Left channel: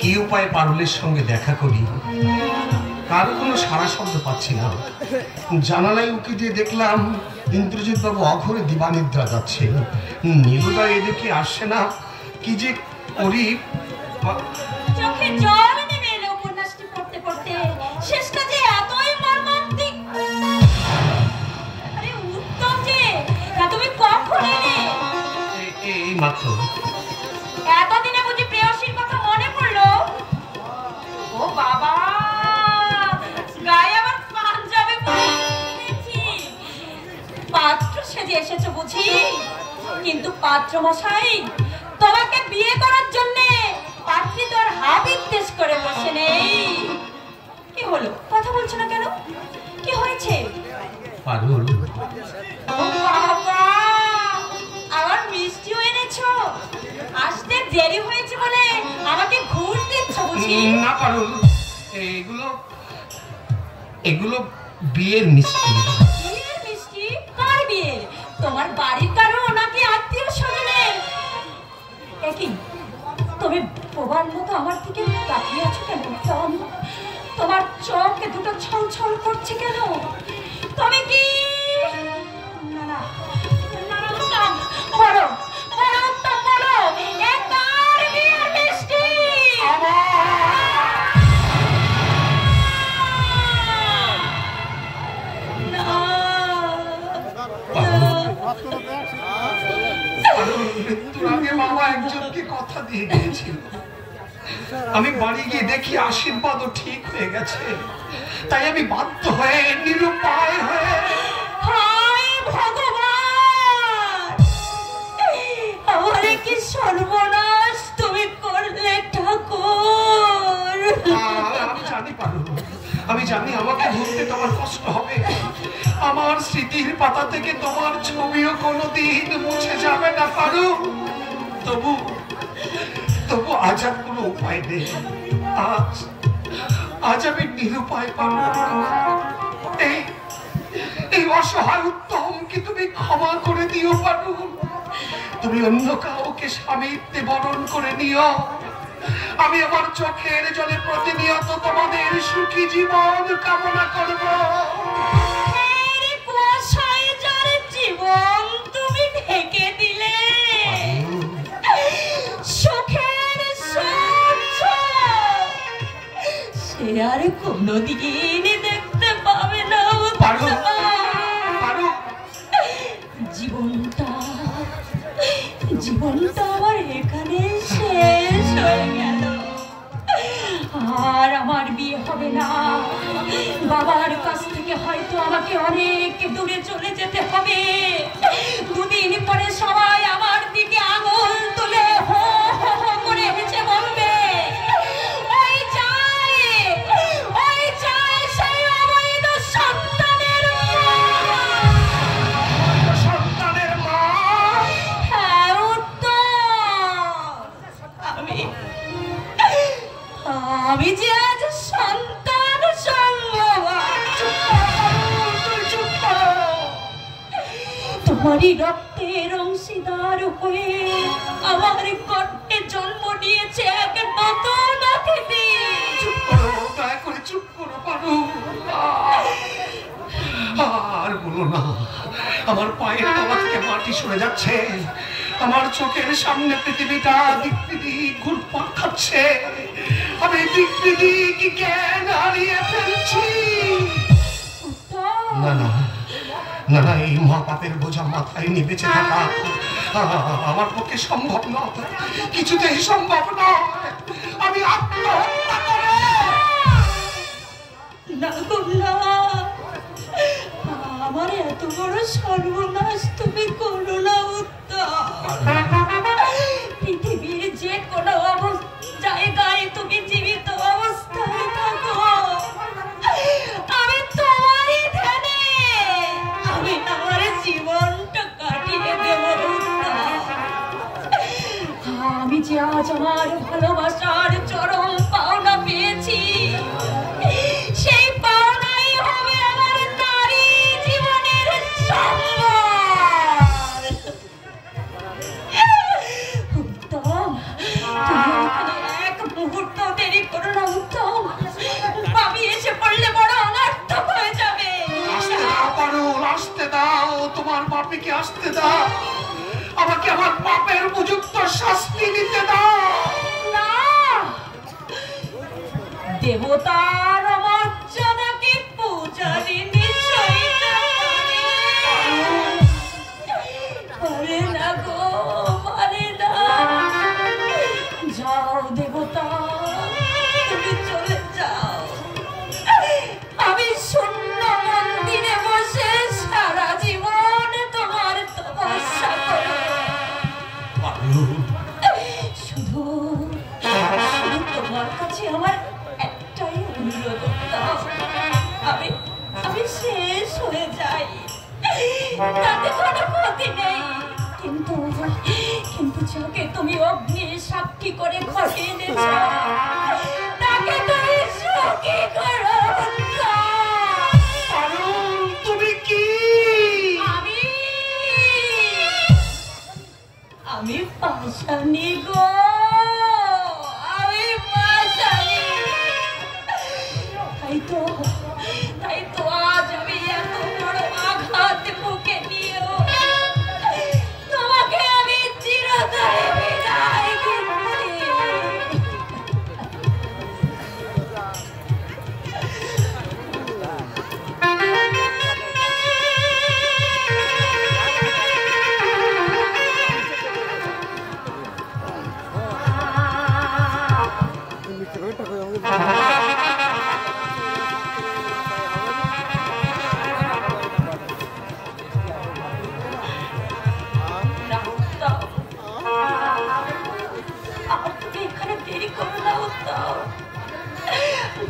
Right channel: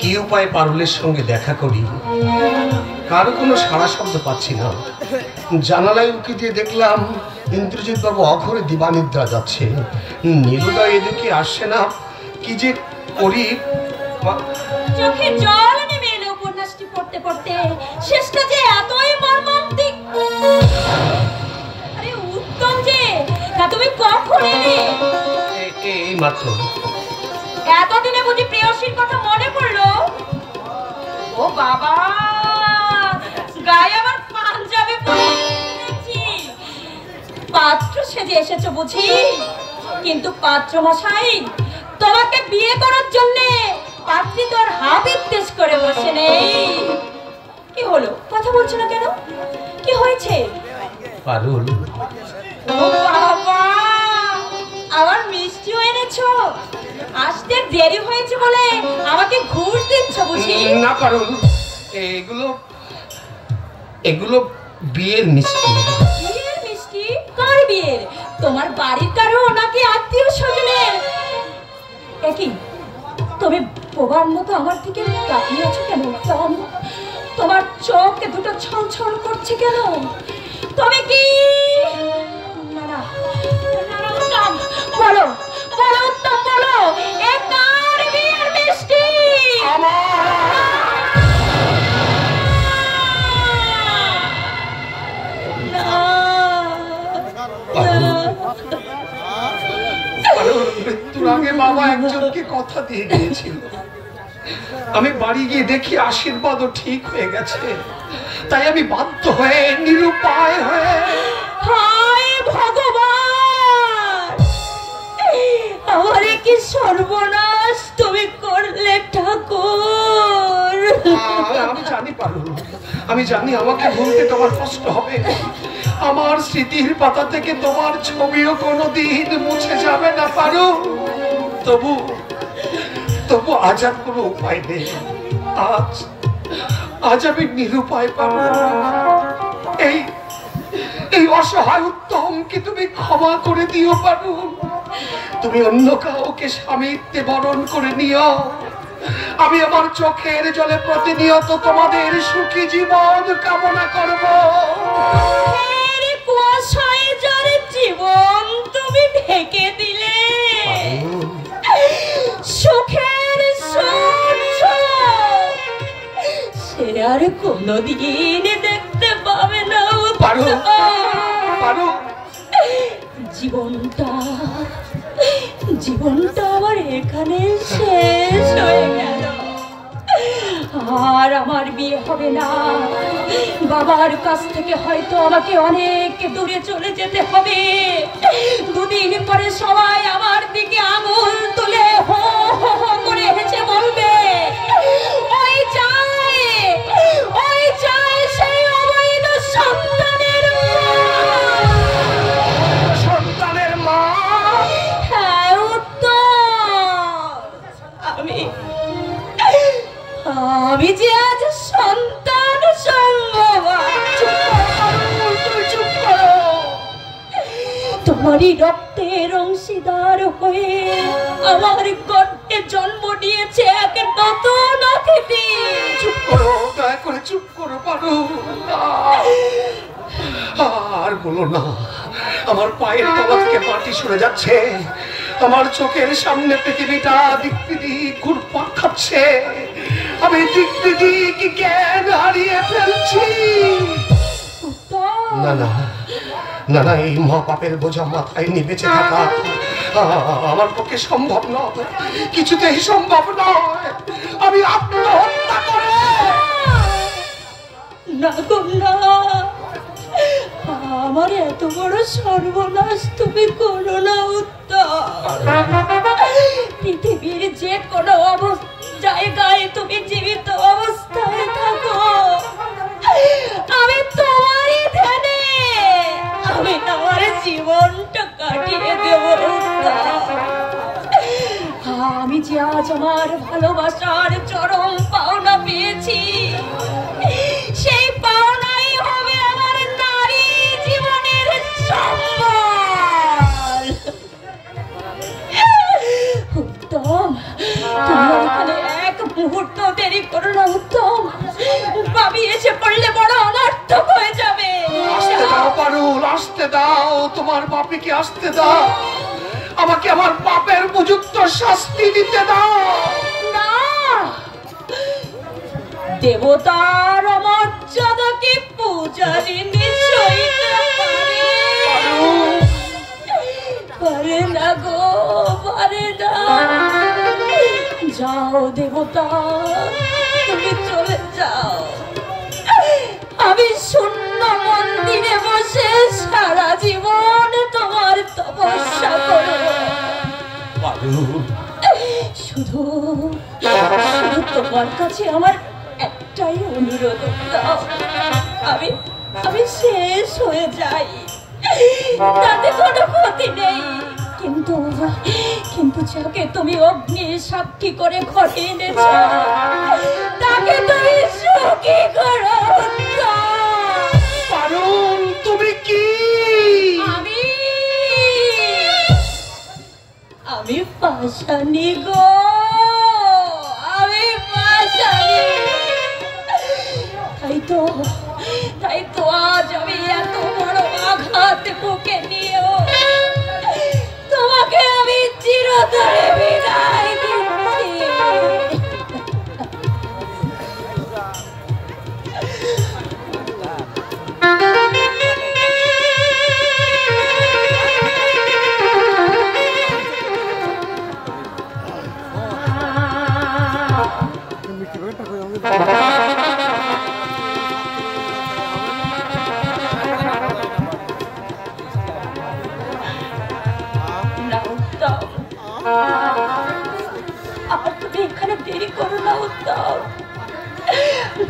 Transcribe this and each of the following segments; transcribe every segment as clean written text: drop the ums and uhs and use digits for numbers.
কি উপায় পারুলের সঙ্গে দেখা করি, কারো কোনো সাড়া শব্দ পাচ্ছি না। জানালায় উঁকি দিয়ে দেখলাম ইন্দ্রজিৎ বাবু অঘরে দিবানিদ্রা যাচ্ছে, নীলুদা এদিকে আসছে না। কি যে করি, চোখে জল নেমে এলো উপন্যাসটি পড়তে পড়তে। শেষটা যে এতই মর্মান্তিক। আরে উত্তম যে, না তুমি কখন এলে? এই মাত্র। এতদিনে বুঝি প্রেয়সীর কথা মনে পড়লো? ও বাবা, গায়ে আবার পাঞ্জাবি পরে এসেছি। পাত্র সেজে এসেছো বুঝি? কিন্তু পাত্র মশাই, তোমাকে বিয়ে করার জন্য পাত্রী তো আর হাবিত্তেশ করে বসে নেই। কি হলো, কথা বলছো না কেন? কি হয়েছে? পারুল, ও বাবা, আবার মিষ্টিও এনেছো। আসতে দেরি হয়েছে বলে আমাকে ঘুষ দিচ্ছ বুঝি? না পারুল, এগুলো বিয়ের মিষ্টি। বিয়ের মিষ্টি? কার বিয়ের? তোমার বাড়ির কারো নাকি আত্মীয় স্বজনের? একই তুমি বোবার মতো আমার দিকে তাকিয়ে আছো কেন? তোমার চোখে দুটো ছলছল করছে কেন? তুমি কি বলো বলো উত্তম বলো, এ কার বিয়ের মিষ্টি? মৃত্যুর আগে বাবা একজনকে কথা দিয়ে গিয়েছিল, আমি বাড়ি গিয়ে দেখি আশীর্বাদও ঠিক হয়ে গেছে। তাই আমি বাধ্য হয়ে, নিরুপায় হয়ে, হায় ভগবান, আমারে কি সর্বনাশ তুমি করলে ঠাকুর। আমি জানি পারু, আমি জানি আমাকে ভুলতে তোমার কষ্ট হবে। আমার স্মৃতির পাতা থেকে তোমার ছবিও কোনোদিন মুছে যাবে না পারু। তবু আজ আর কোনো উপায় নেই। আজ আমি নিরুপায় পাবো। এই অসহায় উত্তমকে তুমি ক্ষমা করে দিও পারু। তুমি অন্য কাউকে স্বামীত্বে বরণ করে নিও। আমি আমার চোখের জলে প্রতিনিয়ত তোমাদের সুখী জীবন কামনা করব। জীবন তুমি ঢেকে দিলে সুখের সূর্য, সে আর কোনদিন দেখতে পাবে না। জীবনটা আমার এখানে শেষ হয়ে গেল। আর আমার বিয়ে হবে না। বাবার কাছ থেকে হয়তো আমাকে অনেক দূরে চলে যেতে হবে। দুদিন পরে সবাই আমার দিকে আঙুল তুলে হো হো হো করে হেসে বলবে, ওই চাই সেই অবৈধ সন্তানের মা। হ্যাঁ উত্তম, আমি যে আজ সন্তান তোমারই রক্তের অংশীদার হয়ে আমার গর্তে জন্ম নিয়েছে এক নতুন অতিথি। চুপ করো, দয়া করে চুপ করো পারু। আর বলো না, আমার পায়ের তলা থেকে মাটি সরে যাচ্ছে। আমার চোখের সামনে পৃথিবীটা দিক বিদিক ঘুরপাক খাচ্ছে। আমি দিক বিদিক জ্ঞান হারিয়ে ফেলছি। না না না না, এই মা পাপের বোঝা মাথায় নিয়ে বেঁচে থাকা আমার পক্ষে সম্ভব নয়, কিছুতেই সম্ভব নয়। আমি আত্মহত্যা করে না, আমার এত বড় সর্বনাশ তুমি করো না উত্তম। পৃথিবীর যে কোনো জায়গায় তুমি জীবিত অবস্থায় থাকো, আমি তোমারই ধ্যানে আমি আমার জীবনটা কাটিয়ে দেব। আমি যে আজ আমার ভালোবাসার চরম পাওনা পেয়েছি, সেই পাওনাই হবে আমার নারী জীবনের সম্মান। উত্তম, তুমি আসতে দাও, তোমার পাপীকে আসতে দাও, আমাকে আমার পাপের উপযুক্ত শাস্তি দিতে দাও। না, দেবতার মর্যাদাকে পূজারি নিশ্চয়ই পারে না গো, পারে না। যাও দেবতা, তুমি চলে যাও, আমি শূন্য মন্দিরে বসে সারা জীবন তোমার তপস্যা করব। শুধু তোমার কাছে আমার একটাই অনুরোধ, আমি শেষ হয়ে যাই, তাতে কোনো ক্ষতি নেই, কিন্তু যাকে তুমি অগ্নি সাক্ষী করে ঘরে এনেছ তাকে তুমি সুখী করো। পারুল, তুমি কি? আমি পাশানি গো, আমি পাশানি। তাই তো আজ আমি এত বড় আঘাত বুকে নিয়েও তোমাকে আমি চিরতরে বিদায় দিচ্ছি।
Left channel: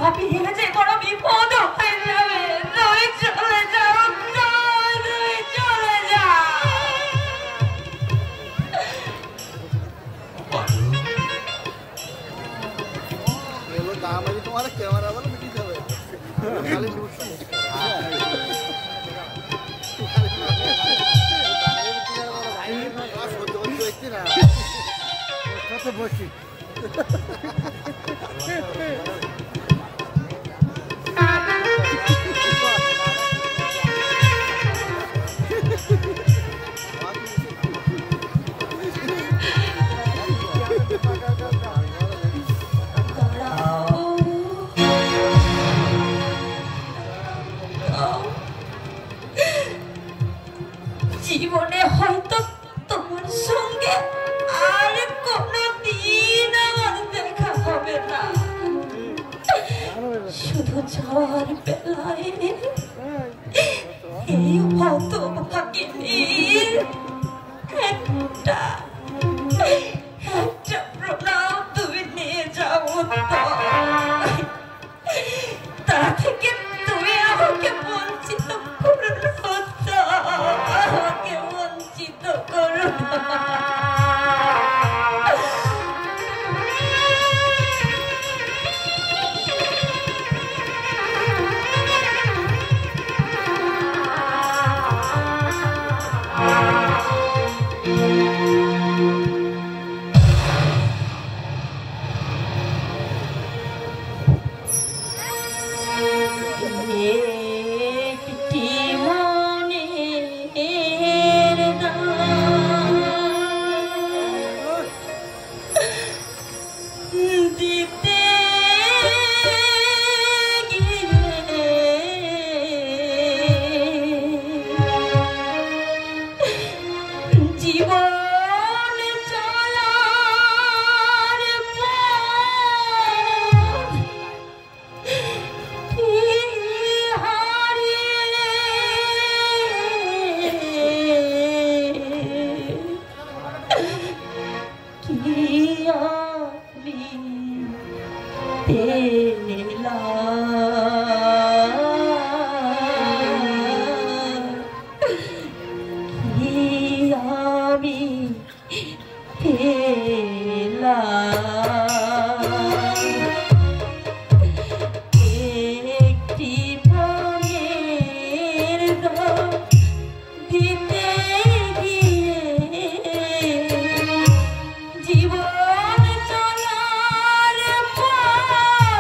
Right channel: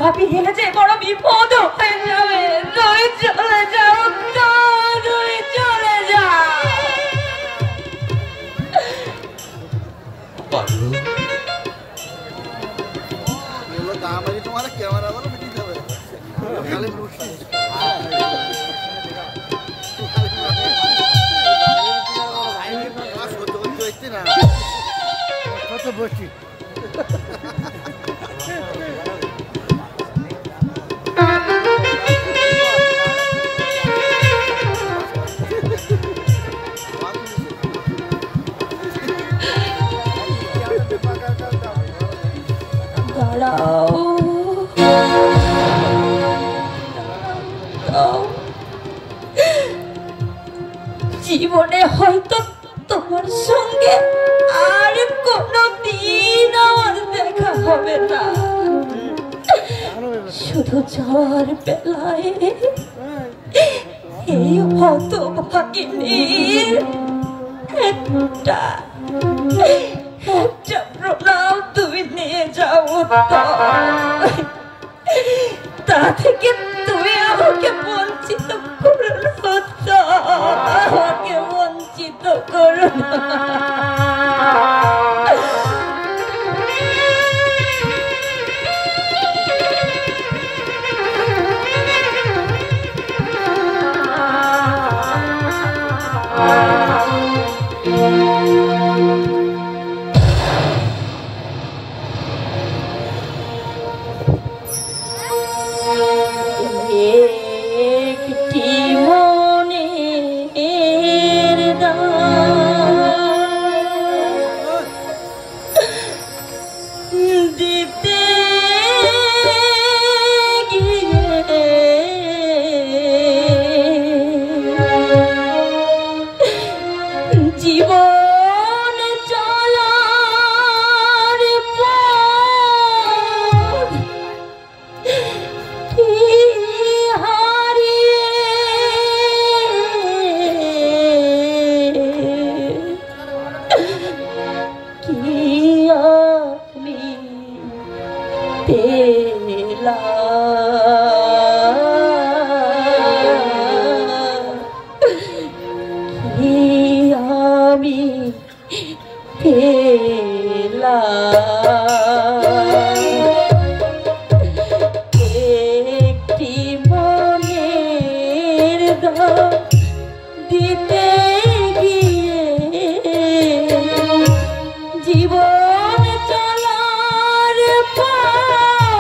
ভাবি হেলে যে বড় বিপদ হয়ে যাবে, তুমি চলে যাও, তুমি চলে যাও। তোমার ক্যামেরা কত বসি জীবনে হয়তো তোমার সঙ্গে আর কোনদিন আমার দেখা হবে না, শুধু যাওয়ার বেলায় এই হতভাগিনীর একটা প্রণাম তুমি নিয়ে যাও, তা থেকে তুমি আমাকে বঞ্চিত করো না, আমাকে বঞ্চিত করো না। জীবন চলার পর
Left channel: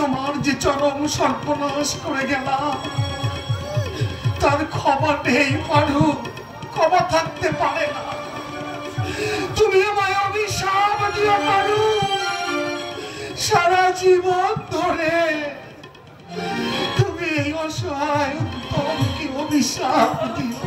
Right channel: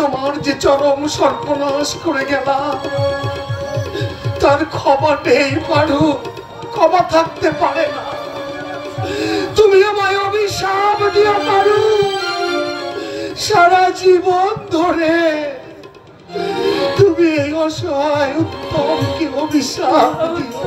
তোমার যে চরম সর্বনাশ করে গেলাম তার ক্ষমা নেই পারু, ক্ষমা থাকতে পারে না। তুমি আমায় অভিশাপ দিও পারু, সারা জীবন ধরে তুমি এই অসহায় উত্তমকে অভিশাপ দিও।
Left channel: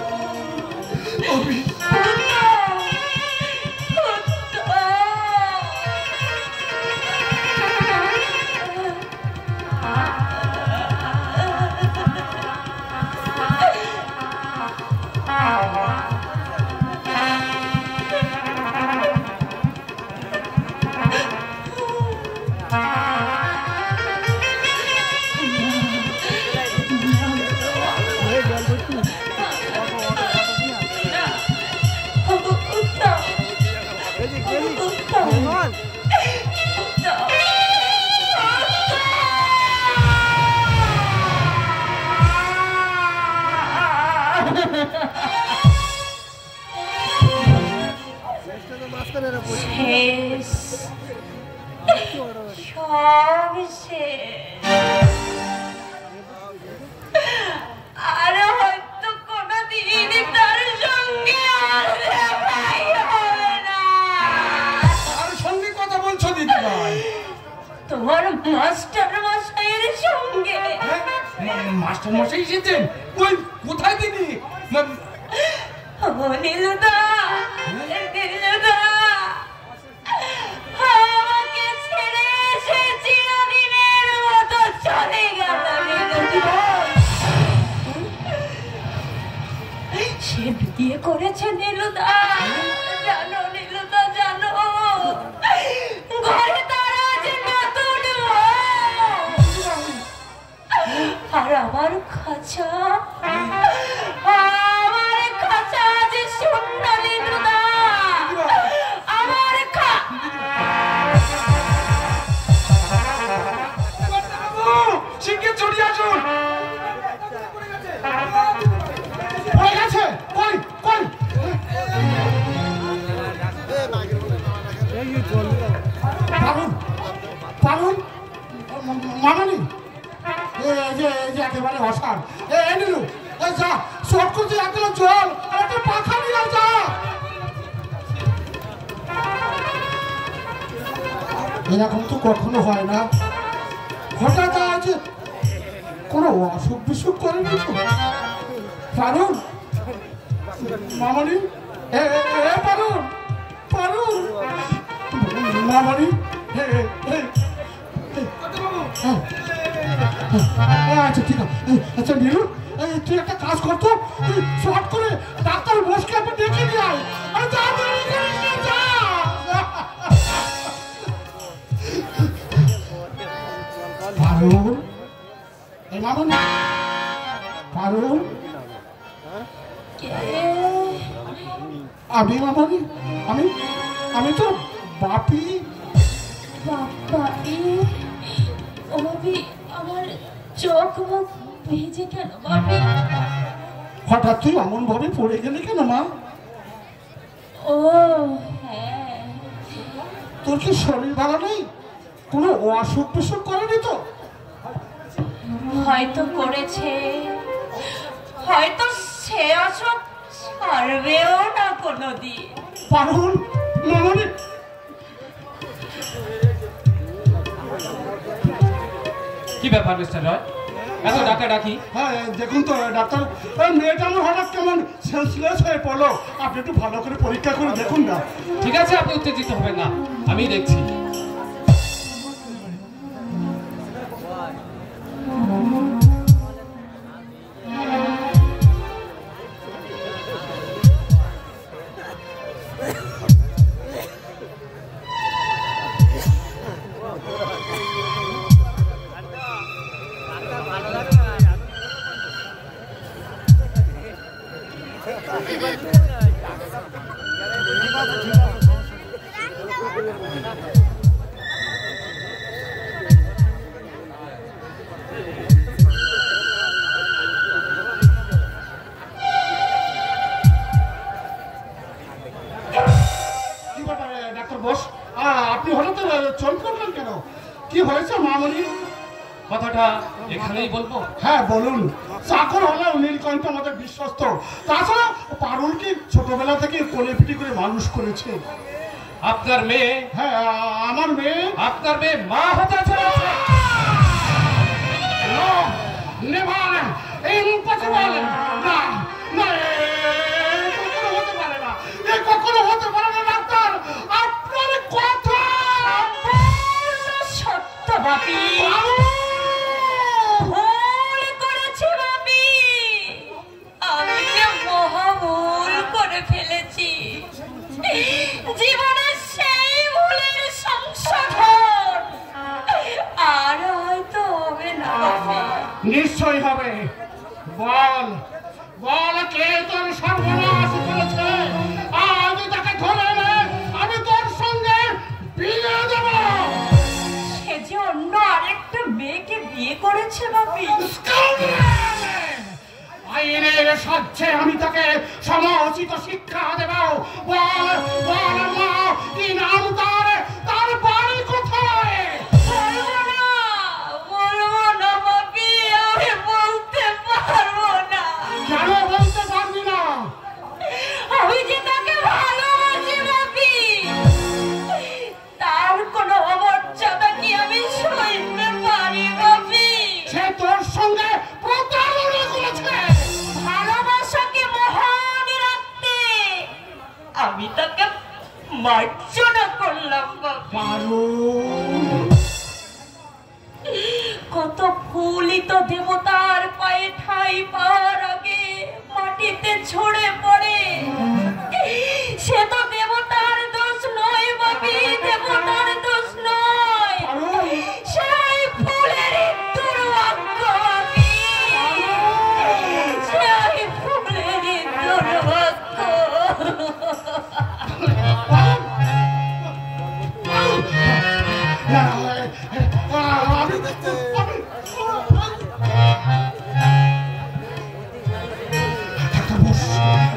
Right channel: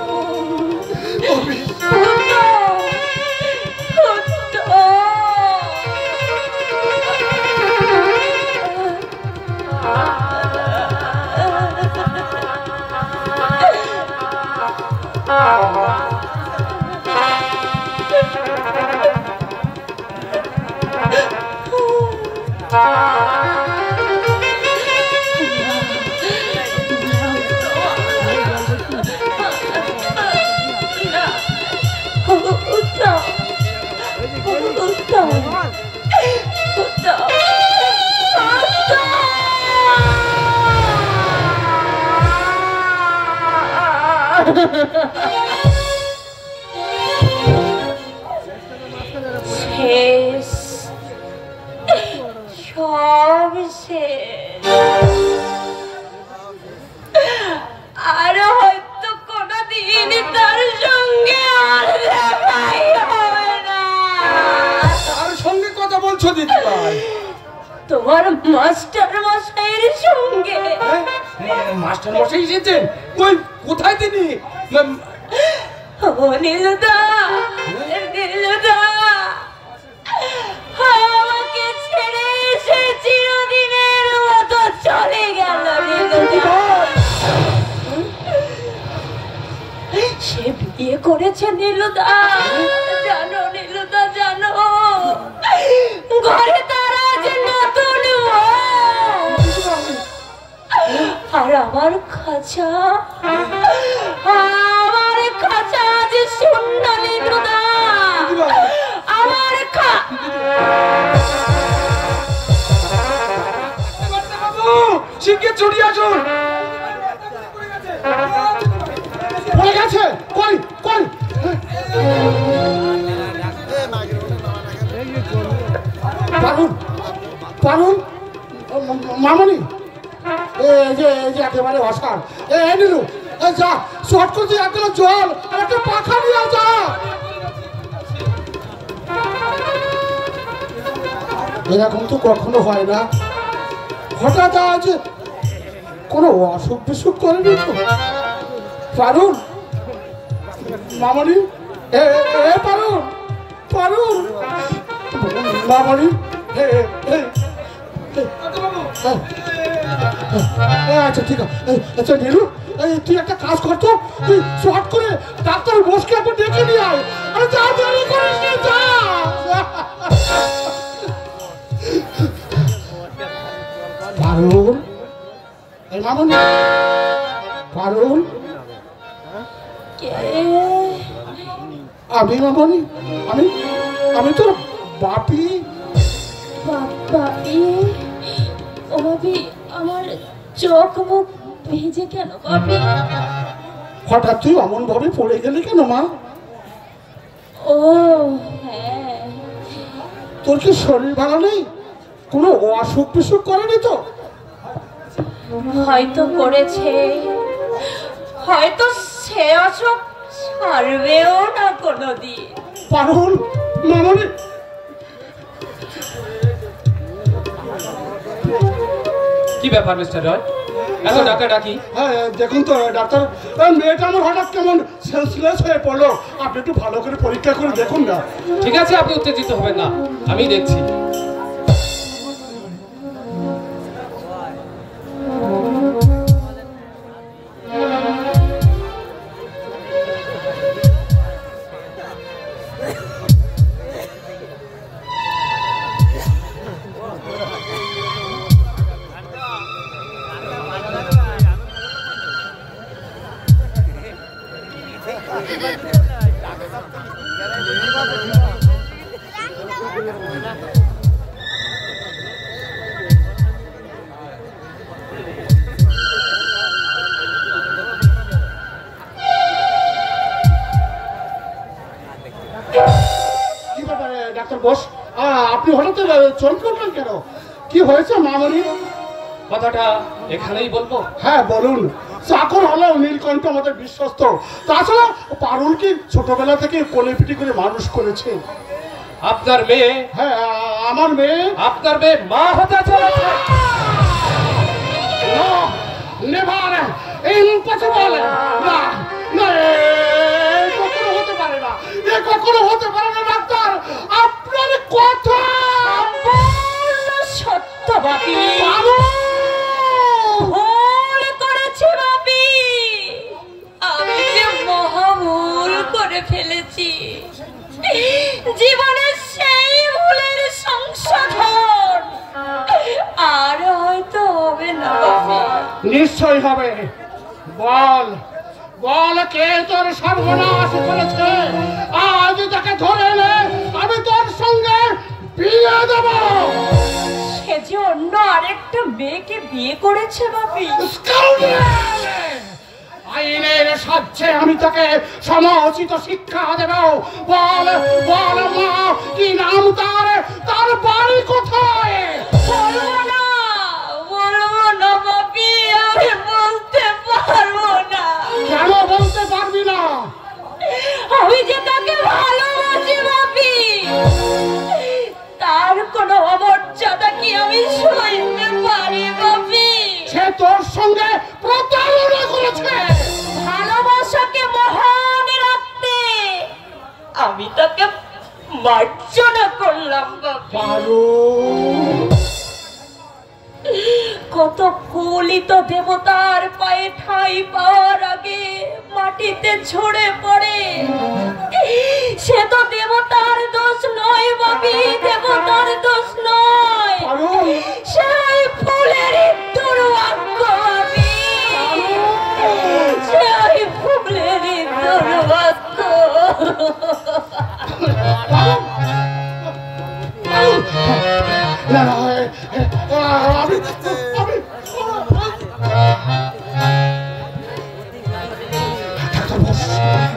সব শেষ। আর হয়তো কোনদিন তার সঙ্গে আর দেখাই হবে না। তার সঙ্গে কথা বলছো দিদি ভাই? তোমার মাস্টার মশাইয়ের সঙ্গে। মাস্টার মশাই এসেছেন? কই, কোথায় তিনি? ও নীলুদা, নীলুদা, আমাকে ছেড়ে এসে চিরদিনের মতো চলে গেল নীলুদা। সে বিয়ে করেছে নীলুদা, জানো নীলুদা, জানো? ঘরে তার আজ নতুন আর আমার খাঁচা, আমার খাঁচা আজ শূন্য নীলুদা। আমার শিগগির চড়িয়ে আসুন। পড়ে গেছে। কই কই? পারুন, পারুন, মামনি, এই যে একেবারে অসার। এই নিলু, যা শর্ট করতে একগুলো জল আর একটা পাখা নিয়ে যা। এরকম তো কখনো হয় না। হঠাৎ আজ কোনো অসুখ বিসুখ করেনি তো? পারুন, মামনি, এ পারুন, পারুন, মামনি, আচ্ছা ঠিক আছে। আচ্ছা নীলু, তুই একটা কাজ করতো, তুই শর্ট করে ডাক্তার বসকে একবার ডেকে নিয়ে আয়। আরে যা, দেরি করিস না, যা। পারুন, এই মামনি, পারুন, আমি মামনি, আমি তোর বাপি। বাপি, ও বাপি, আমার চোখ মুখ ভিজে কেন বাপি? হঠাৎ তুই অমন ভাবে পড়ে গেলি কেন মা? ও হ্যাঁ, তোর কি শরীর ভালো নেই? কোনো অসুখ বিসুখ করেনি তো? হয়তো করেছে, হয়তো সে অসুখ ছাড়বেও না কোনোদিন। পারুল, মামনি, কি ব্যাপার মিস্টার রয়, এত ডাকা ডাকি? হ্যাঁ দেখুন তো ডাক্তার, মেয়েটা আমার হঠাৎ কেমন সেন্সলেস হয়ে পড়লো। আপনি একটু ভালো করে পরীক্ষা করে দেখুন না। ঠিক আছে, আপনি উত্তেজিত হবেন না, আমি দেখছি। ডাক্তার বস, আপনি হঠাৎ চমকে উঠলেন কেন? কি হয়েছে মামনি? কথাটা এখানেই বলবো? হ্যাঁ বলুন। চাকর হলেও নীলকণ্ঠ আমাদের বিশ্বস্ত। তাছাড়া পারুল কি ছোটবেলা থেকে কোলেপিটি করে মানুষ করেছে। আপনার মেয়ে? হ্যাঁ আমার মেয়ে। আপনার মেয়ে মা হতে চলেছে? Never impossible. না না, কখনো হতে পারে না, এ কখনো হতে পারে না ডাক্তার। আপনার কথা সত্য বাপি, ভুল করেছি বাপি, আমি যে মহা ভুল করে ফেলেছি। জীবনের সেই ভুলের সংশোধন আর হয়তো হবে না। নিশ্চয়ই হবে। বল বল, কে তোর সর্বনাশ করেছে? আজ তাকে ধরে নে, আমি তোর সঙ্গে বিয়ে দেব। সে যে অন্য আরেকটা মেয়েকে বিয়ে করেছে বাপি। আইনের সাহায্যে আমি তাকে সময়োচিত শিক্ষা দেব। বল বল মা, কি নাম তার? তার বাড়ি কোথায়? বলবো না বাপি, আমি বলতে পারবো না। কেন বলতে পারবি না? আমি যে তাকে ভালোবাসি বাপি, তার কোনো অমর্যাদা কি আমি সইতে পারি বাপি? সে তোর সঙ্গে প্রতারণা করেছে। ভালোবাসাকে মহান রাখতে আমি তাকে মার্জনা করলাম বাপি। কত ফুলই তো দেবতার পায়ে ঠাঁই পাওয়ার আগে মাটিতে ঝরে পড়ে। সে তো দেবতার দোষ নয় বাপি, দেবতার দোষ নয়, সেই ফুলের দুর্ভাগ্য বাপি, সেই ফুলের দুর্ভাগ্য।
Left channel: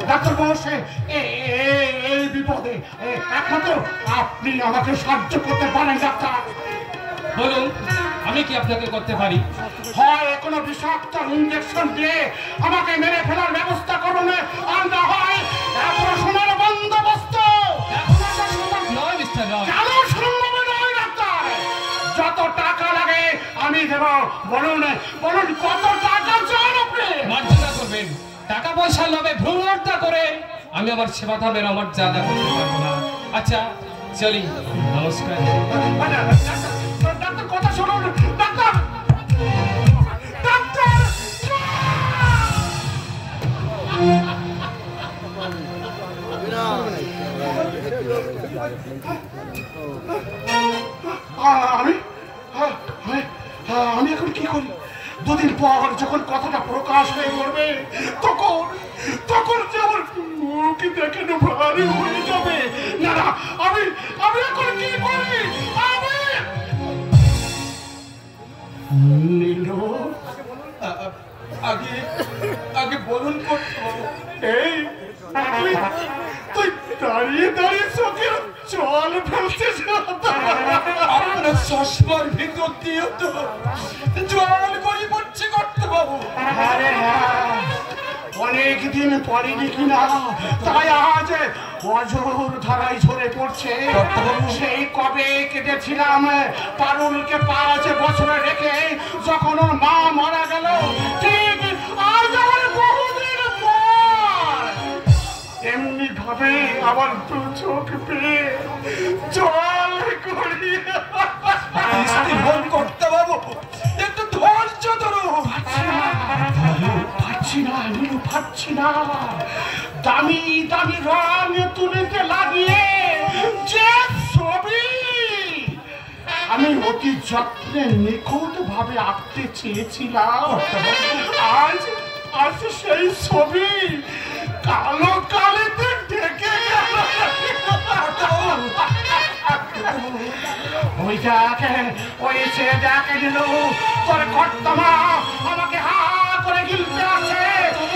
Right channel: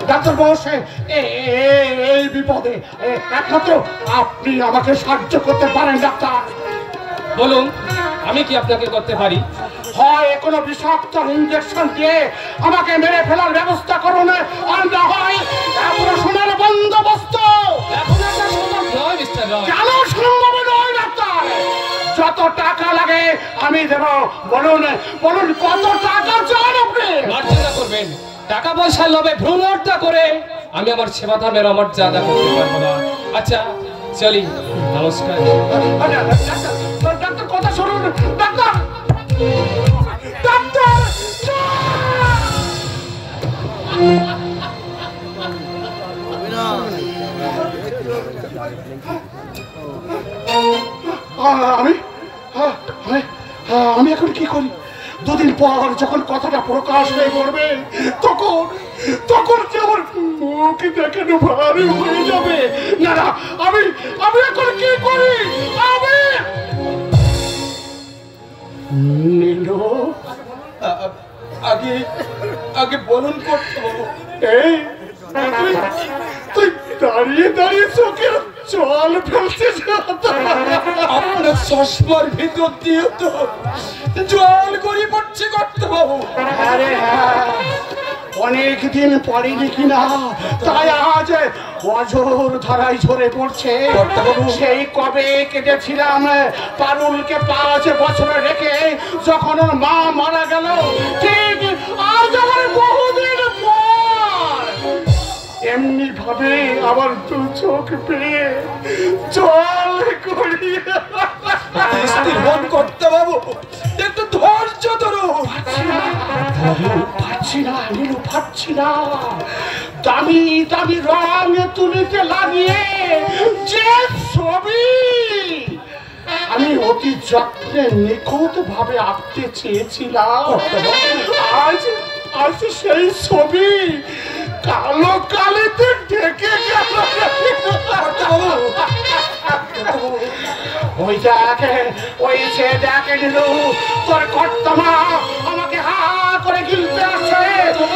ডাক্তার বসে এই বিপদে একমাত্র আপনি আমাকে সাহায্য করতে পারেন ডাক্তার। বলুন, আমি কি আপনাকে করতে পারি? হয় কোনো বিষাক্ত ইঞ্জেকশন দিয়ে আমাকে মেরে ফেলার ব্যবস্থা করুন, আর না হয় অপারেশনের বন্দোবস্ত। কেন সম্ভব নয় ডাক্তার? যত টাকা লাগে আমি দেব। বলুন বলুন, কত টাকা চান আপনি? মর্যাদা করবেন। টাকা পয়সা লোভে ভ্রূণ হত্যা করে আমি আমার সেবা ধর্মের অমর্যাদা করতে পারবো না। আচ্ছা চলি, নমস্কার। ডাক্তার কথা শুনুন। ডাক্তার ডাক্তার আমি এখন কি করি? দুদিন পর যখন কথাটা প্রকাশ হয়ে পড়বে তখন যে আমার মুখ দেখানো ভারী হয়ে যাবে। না না, আমি এখন কি করি? আমি নীলু, আগে বলুন এই তুই দাঁড়িয়ে দাঁড়িয়ে চোখের জল ফেলছিস। আপনার চশমার ভিতর দিয়ে তো জল গড়িয়ে পড়ছে কর্তাবাবু। আরে অনেকদিন পড়েনি কিনা, তাই আজ অজর ধারায় ঝরে পড়ছে। সেই কবে কেটেছিলাম পারুলকে 5 বছর রেখে, যখন ওর মা মারা গেল, ঠিক আজ আমার বহুদিন পর এমনি ভাবে আবার 2 চোখ পেয়ে জল গড়িয়ে কর্তাবাবু একটু ধৈর্য ধরুন। পাচ্ছি না। দামি দামি রং তুলিতে লাগিয়ে যে ছবি আমি অতি যত্নে নিখুঁত ভাবে আঁকতে চেয়েছিলাম, আজ সেই ছবি কালো কালিতে ঢেকে গেল। ওই যে দেখে দিল তোর কর্তমা আমাকে হা করে গিলতে আসছে।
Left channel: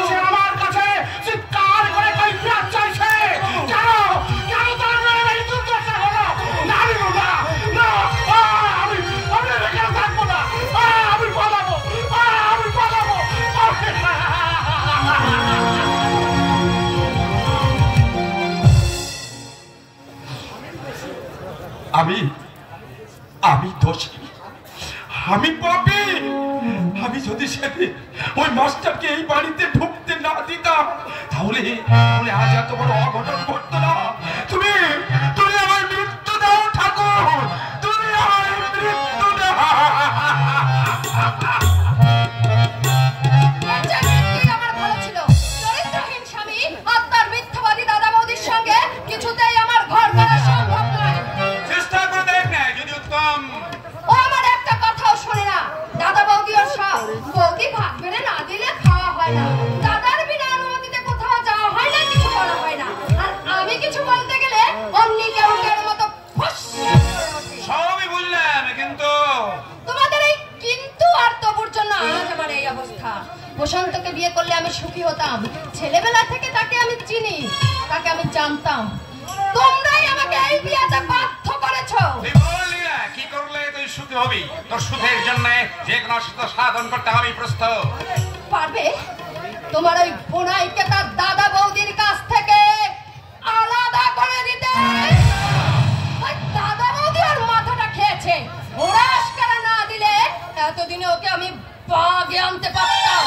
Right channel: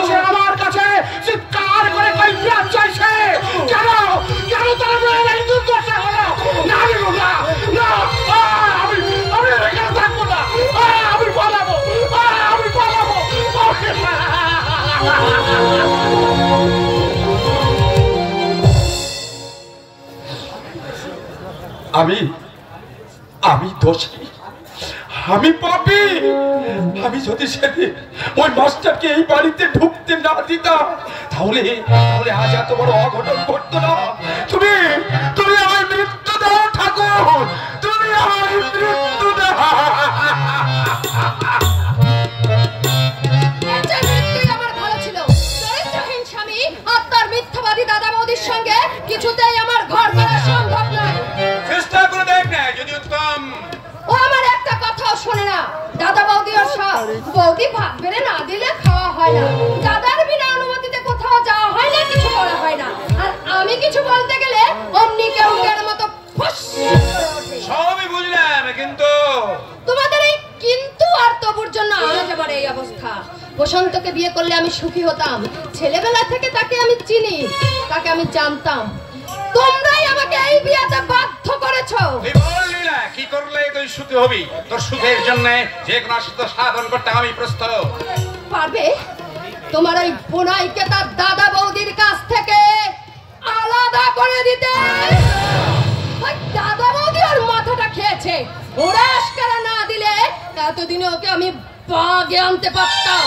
সে আমার কাছে চিৎকার করে করিফিয়াত চাইছে। কেন তারা মেয়ের এই দুর্দশা হলো? না আমি এখানে থাকবো না। আমি আমি দোষী, আমি পাপী। আমি যদি সেদিন ওই মাস্টারকে এই বাড়িতে ঢুকতে না দিতাম তাহলে আজ এত বড় অঘটন ঘটতো না। তুমি আমার মৃত্যু দাও ঠাকুর, তুমি আমার মৃত্যু দাও। আমার ভালো ছিল। চরিত্রহীন স্বামী আর তার মিথ্যাবাদী দাদা বৌদির সঙ্গে কিছুতেই আমার ঘর করা সম্ভব নয়। চেষ্টা করে দেখ না, যদি উত্তম। ও আমার একটা কথাও শোনে না। দাদা বৌদি আর বৌদি ভাত বেড়ে না দিলে খাওয়া হয় না। দাদার বিনা অনুমতিতে কোথাও যাওয়া হয় না, কিছু করা হয় না। আর আমি কিছু বলতে গেলে অমনি কেরুকের মতো ফুস করে ওঠে। সবই বুঝলাম, কিন্তু তোমাদের এই কিন্তু আর তবুর জন্য আজ আমার এই অবস্থা। বসন্তকে বিয়ে করলে আমি সুখী হতাম। ছেলেবেলা থেকে তাকে আমি চিনি, তাকে আমি জানতাম। তোমরাই আমাকে এই বিয়েতে বাধ্য করেছো। কি করলে তুই সুখী হবি? তোর সুখের জন্য যে কোনো সুখ সাধন করতে আমি প্রস্তুত। পারবে তোমার ওই বোনাইকে তার দাদা বৌদির কাছ থেকে আলাদা করে দিতে? ওই দাদা বৌদি ওর মাথাটা খেয়েছে। ওরা আশকারা না দিলে এতদিনে ওকে আমি বাগে আনতে পারতাম।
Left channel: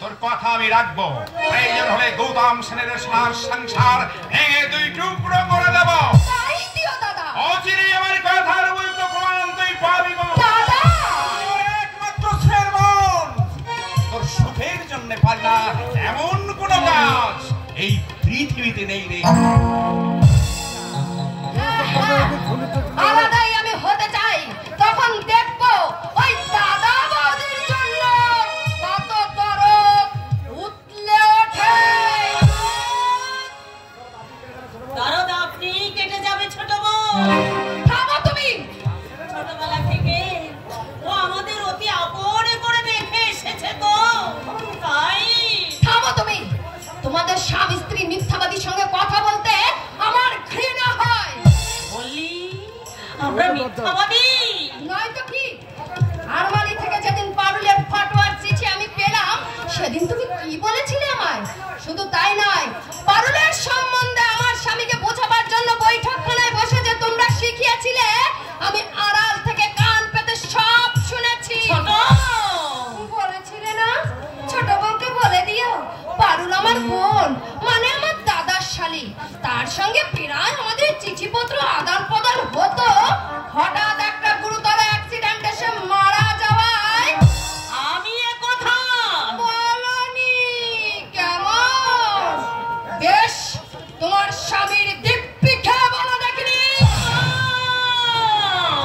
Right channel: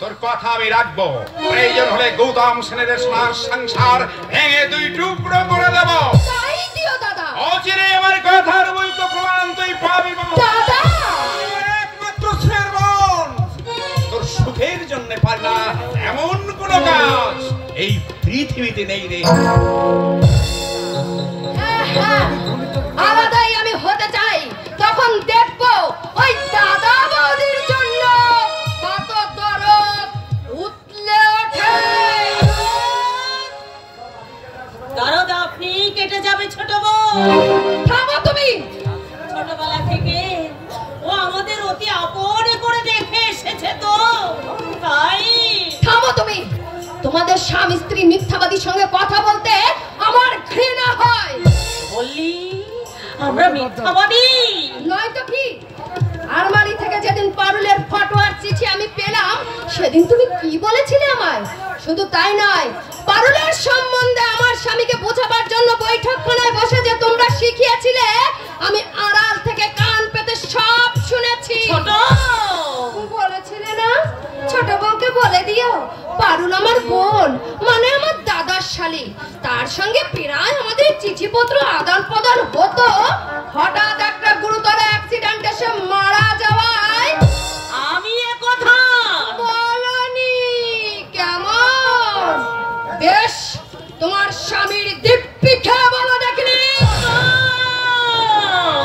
তোর কথা আমি রাখবো। প্রয়োজন হলে গৌতম সেনের সংসার ভেঙে দুই টুকরো করে দেব। তাই দিও দাদা। অচিরে আমার কথার বলতো প্রমাণ তুই পাবি। দাদা একমাত্র শেরবন তোর সুখের জন্য পাল্টা এমন কোন কাজ এই পৃথিবীতে নেই রে। আলাদাই আমি হতে চাই, তখন দেখবো ওই দাদা বৌদির জন্য কত দরদ উঠলে ওঠে। দরদ আপনি কেটে যাবে ছোট বউ। থামো তুমি। ছোটবেলা থেকে ও আমাদের অতি আপন করে দেখে এসেছে, তো তাই। থামো তুমি। তোমাদের স্বামী স্ত্রী মিথ্যাবাদীর সঙ্গে কথা বলতে আমার ঘৃণা হয়। বললি আমরা মিথ্যাবাদী? নয়তো কি? আলমারি থেকে যেদিন পারুলের ফটোয়ার চিঠি আমি পেলাম সেদিন তুমি কি বলেছিলে আমায়? শুধু তাই নয়, পারুলের সম্বন্ধে আমার স্বামীকে বোঝাবার জন্য বৈঠকখানায় বসে যে তোমরা শিখিয়েছিলে, আমি আড়াল থেকে কান পেতে সব শুনেছি। ছোট বলেছিলে না ছোট বউকে বলে দিও পারুল আমার বোন, মানে আমার দাদার শালী। তার সঙ্গে প্রায় আমাদের চিঠিপত্র আদান প্রদান হতো। হঠাৎ একটা গুরুতর অ্যাক্সিডেন্ট এসে মারা যাওয়ায় আমি একথা বলনি। কেমন বেশ তোমার স্বামীর দিব্যি খেয়ে বলো দেখিনি।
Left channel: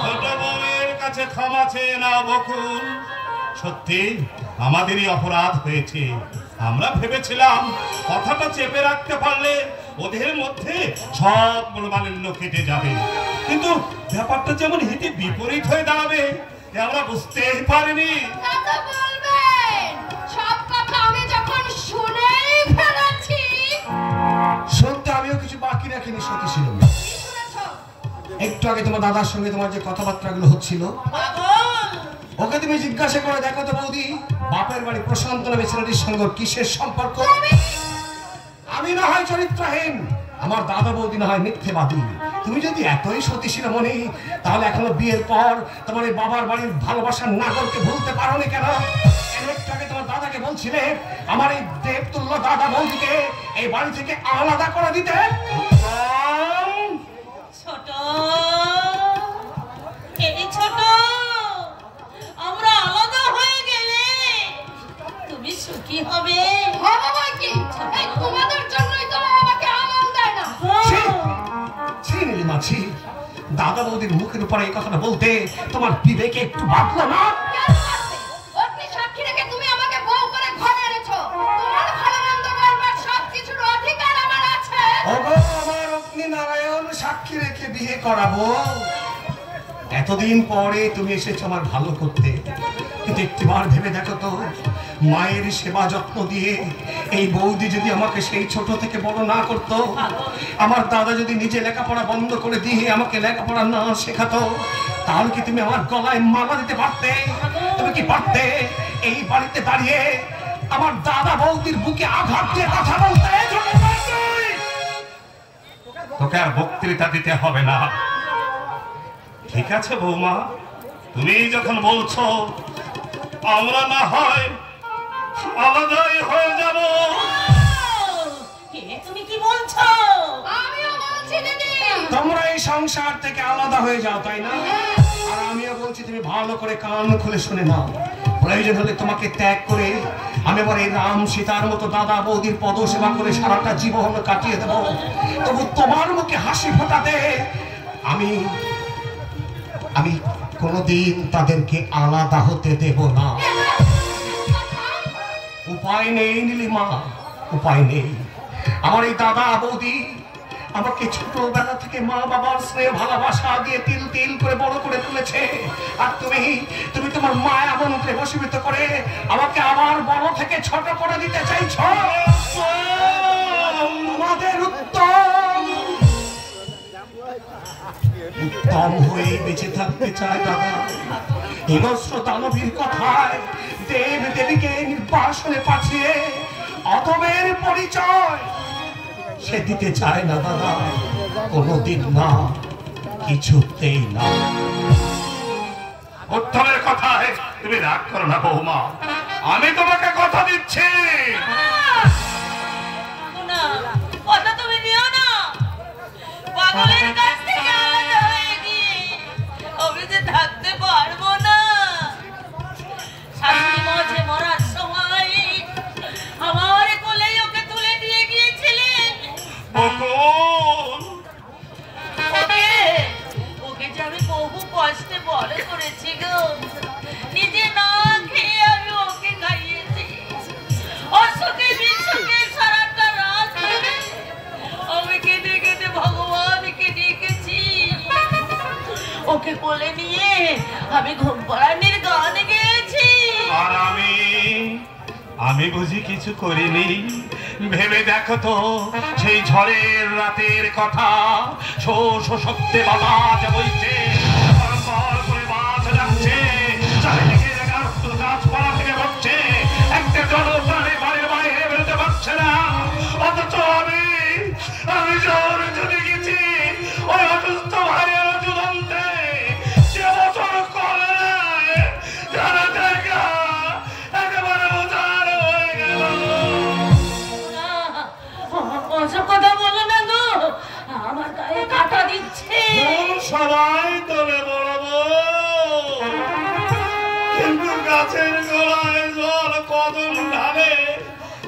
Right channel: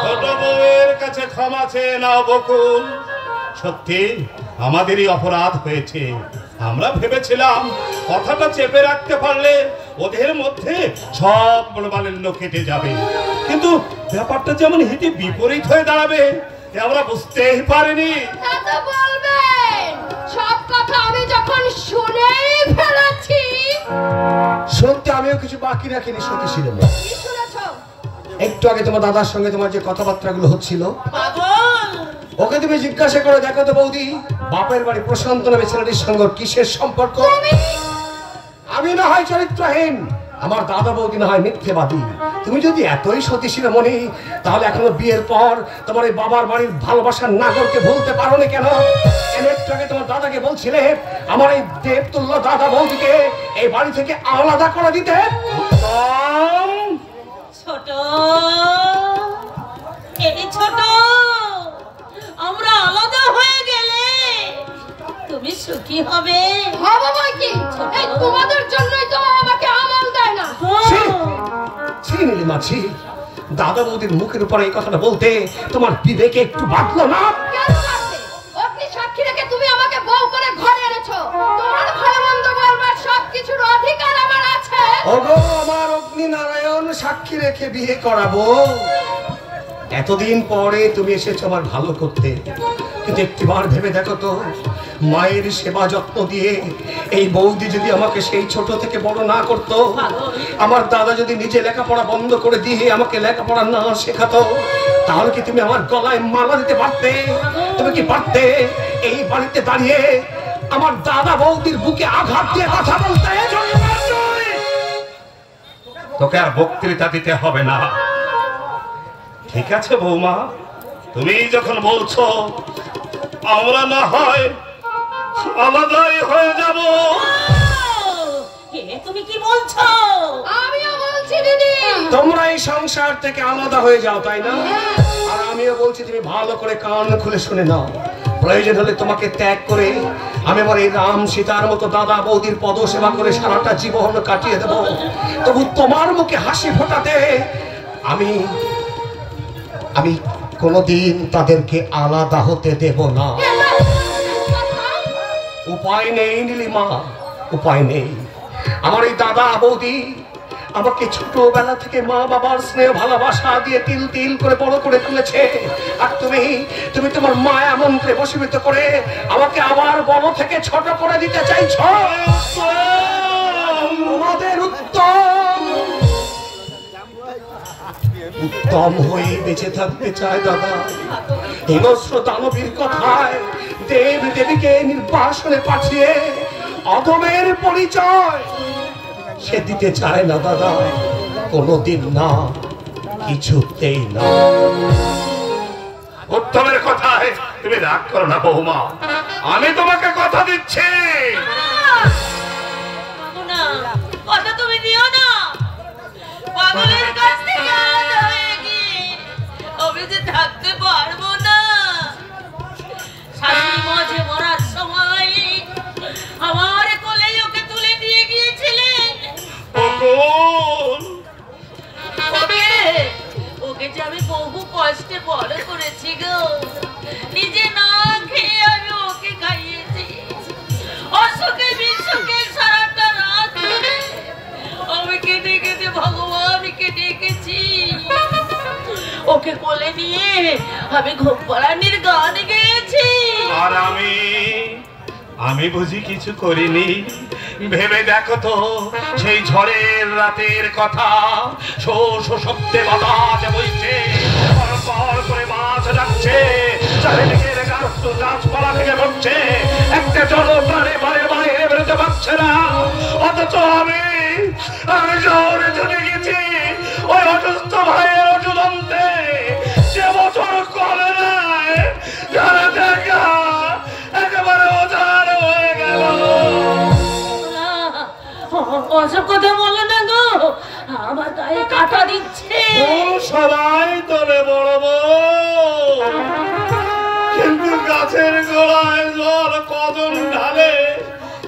ছোট বউয়ের কাছে ক্ষমা চেয়ে নাও বকুল। সত্যি আমাদেরই অপরাধ হয়েছে। আমরা ভেবেছিলাম কথাটা চেপে রাখতে পারলে ওদের মধ্যে সব মনোমালিন্য কেটে যাবে, কিন্তু ব্যাপারটা যেমন হিতে বিপরীত হয়ে দাঁড়াবে আমরা বুঝতেই পারিনি। এত বলবেন? সব কথা আমি যখন শুনেই ফেলেছি। শুনতে আমিও কিছু বাকি রাখিনি সত্যি ছিল। কি শুনেছো? একটু আগে তোমার দাদার সঙ্গে তোমার যে কথাবার্তাগুলো হচ্ছিল, পাগল। ওকে তুমি জিজ্ঞাসা করে দেখো তো বৌদি, বাপের বাড়ি প্রশান্ত নামে ছেলেটির সঙ্গে কিসের সম্পর্ক? আমি না হয় চরিত্রহীন, আমার দাদা বৌদি না হয় মিথ্যেবাদী। তুমি যদি এতই সতীশীল মনে, তাহলে এখনো বিয়ের পর তোমার এই বাবার বাড়ির ভালোবাসার নাগরকে ভুলতে পারো না কেন? একটু আগে তোমার দাদাকে বলছিলে আমার এই দেবতুল্য দাদা বৌদিকে এই বাড়ি থেকে আলাদা করে দিতে। ছোট এই ছোট, আমরা আলাদা হয়ে গেলে তুমি সুখী হবে। হবে বই কি? এই তোমাদের জন্যই তো আমাকে আমল দেয় না। নীলিমাছি, দাদা বৌদির মুখের উপরে এই কথাটা বলতে তোমার বিবেকে একটু বাঁধলো না? কেন বাঁধবে? অগ্নি সাক্ষী রেখে তুমি আমাকে বউ করে ঘরে এনেছো। তোমার ভালো মন্দ বলবার সব কিছুর অধিকার আমার আছে। ওগো, আমার অগ্নি নারায়ণ সাক্ষী রেখে বিয়ে করাবো। এতদিন পরে তুমি এসেছো আমার ভালো করতে, কিন্তু একটিবার ভেবে দেখো তো, মায়ের সেবা যত্ন দিয়ে এই বৌদি যদি আমাকে সেই ছোট থেকে বড় না করতো, আমার দাদা যদি নিজে লেখাপড়া বন্ধ করে দিয়ে আমাকে লেখাপড়া না শেখাতো, তাহলে কি তুমি আমার গলায় মালা দিতে পারতে? তুমি কি পারতে এই বাড়িতে দাঁড়িয়ে আমার দাদা বৌদির বুকে আঘাত দিয়ে কথা বলতে? তোকে আর বক্তৃতা দিতে হবে না। ঠিক আছে বৌমা, তুমি যখন বলছো আমরা না হয় আলাদাই হয়ে যাব। তুমি কি বলছো? আমিও বলছি দিদি। তোমরা এই সংসার থেকে আলাদা হয়ে যাও, তাই না? আর আমিও বলছি তুমি ভালো করে কান খুলে শুনে নাও। প্রয়োজন হলে তোমাকে ত্যাগ করে আমি আমার এই রাম সীতার মতো দাদা বৌদির পদসেবা করে সারাটা জীবন কাটিয়ে দেব। তবু তোমার মুখে হাসি ফোটাতে আমি আমি কোনোদিন তাদেরকে আলাদা হতে দেব না। উপায় নেই নীলিমা, উপায় নেই। আমার এই দাদা বৌদি আমাকে ছোটবেলা থেকে মা বাবার স্নেহ ভালোবাসা দিয়ে তিল তিল করে বড় করে তুলেছে। আর তুমি তোমার মায়া মন্ত্রে বশীভূত করে আমাকে আবার বড় থেকে ছোট করে দিতে চাইছ। আমাদের উত্তম হয়ে বেঁচে থাকতে চায় দাদা। হিংস্র দানবীর কথায় দেব দেবীকে নির্বাসনে পাঠিয়ে অধমের পরিচয় সে দিতে চায় না দাদা, কোনদিন না, কিছুতেই না। উত্তমের কথায় তুমি রাগ করো না বৌমা, আমি তোমাকে কথা দিচ্ছি। কথা তুমি নিও না। পাগলের কাছ থেকে আলাদা হয়ে গিয়ে আমি যে থাকতে পারবো না। শাশুড়ি মাঝে মরার সময় আমার কোলেই ওকে তুলে দিয়ে গিয়েছিলেন। ওকে যে আমি বহু কষ্টে বড় করেছি গো। নিজে না খেয়ে আমি ওকে খাইয়েছি। অসুখে বিসুখে সারাটা রাত আমি কেঁদে কেঁদে ভগবানকে ডেকেছি। ওকে কোলে নিয়ে আমি ঘুম পাড়ানির গান গেয়েছি। আর আমি বুঝি কিছু করিনি? ভেবে দেখো তো সেই ঝড়ের রাতের কথা। শো শো শব্দে বাতাস বইছে, পরপর করে মাছ ডাকছে, চারিদিকের গাছপালা থেকে পড়ছে, একটা জনপ্রাণী বাড়ির বাইরে বেরোতে পারছে না। অথচ আমি শহরে চলে গেছি ওই অসুস্থ ভাইয়ের ওষুধ আনতে। সে বছর করে নাই, যারা দেখা একেবারে ওঝার হয়ে গেল। ওসব কথা বলো না গো, আমার গায়ে কাঁটা দিচ্ছে। সবাই তোলে বড় বউ, কিন্তু গাছের গোড়ায় জল কদম ঢালে